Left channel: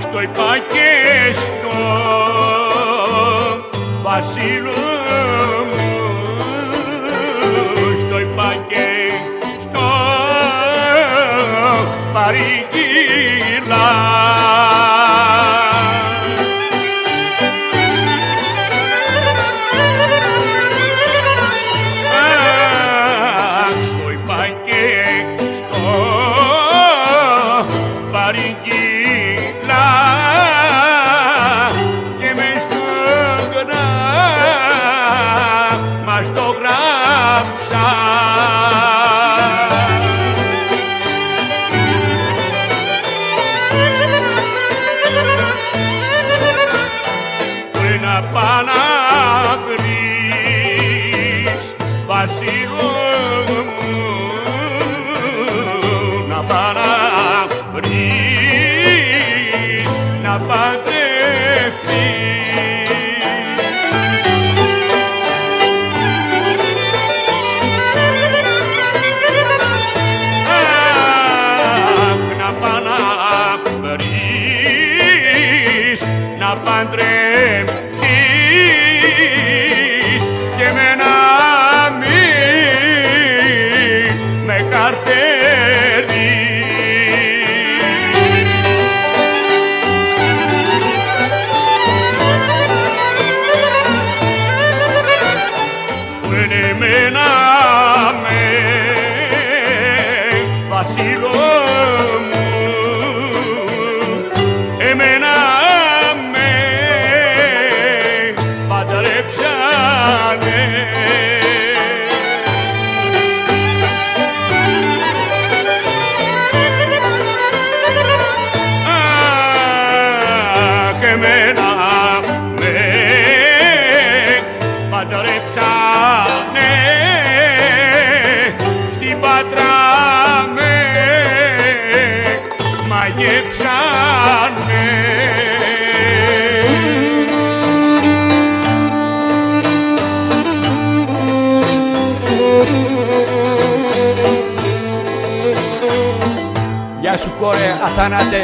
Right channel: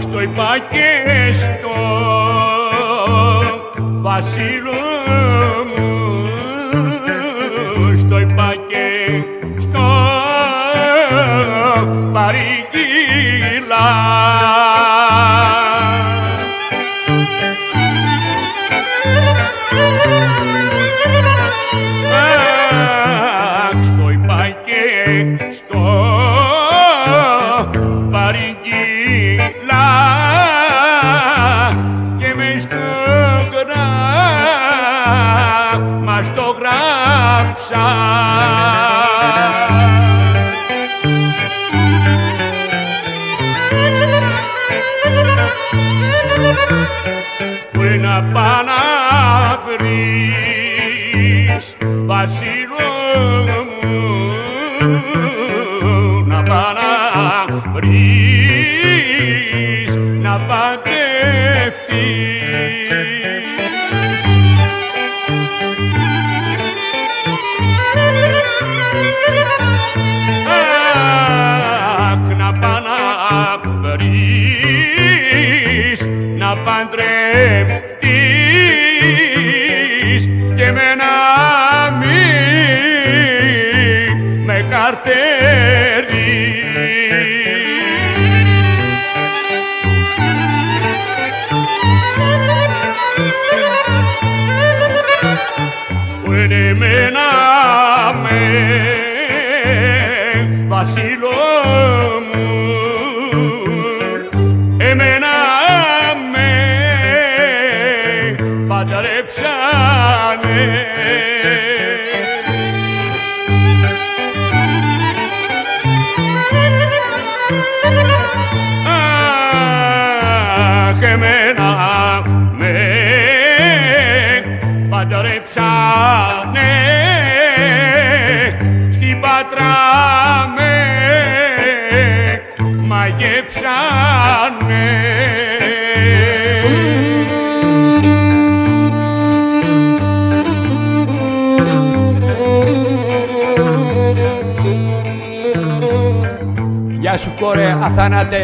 στο είπα και στο Βασίλο μου, στο είπα και στο παρήγγυλα. Στο είπα και στο παρήγγυλα και μες στο γράμμα στο γράψα. Πριν να πά' να βρεις Βασίλο μου, να πά' να βρεις, να παντρευτείς. Να πά' να βρεις, να παντρευτείς και εμένα μην με καρτέρεις. Που είναι εμένα με Βασίλο μου, εμένα με παντρέψανε. Και εμένα με παντρέψανε, στην Πάτρα με μαγέψανε. Γεια σου κόρε Αθάνατε.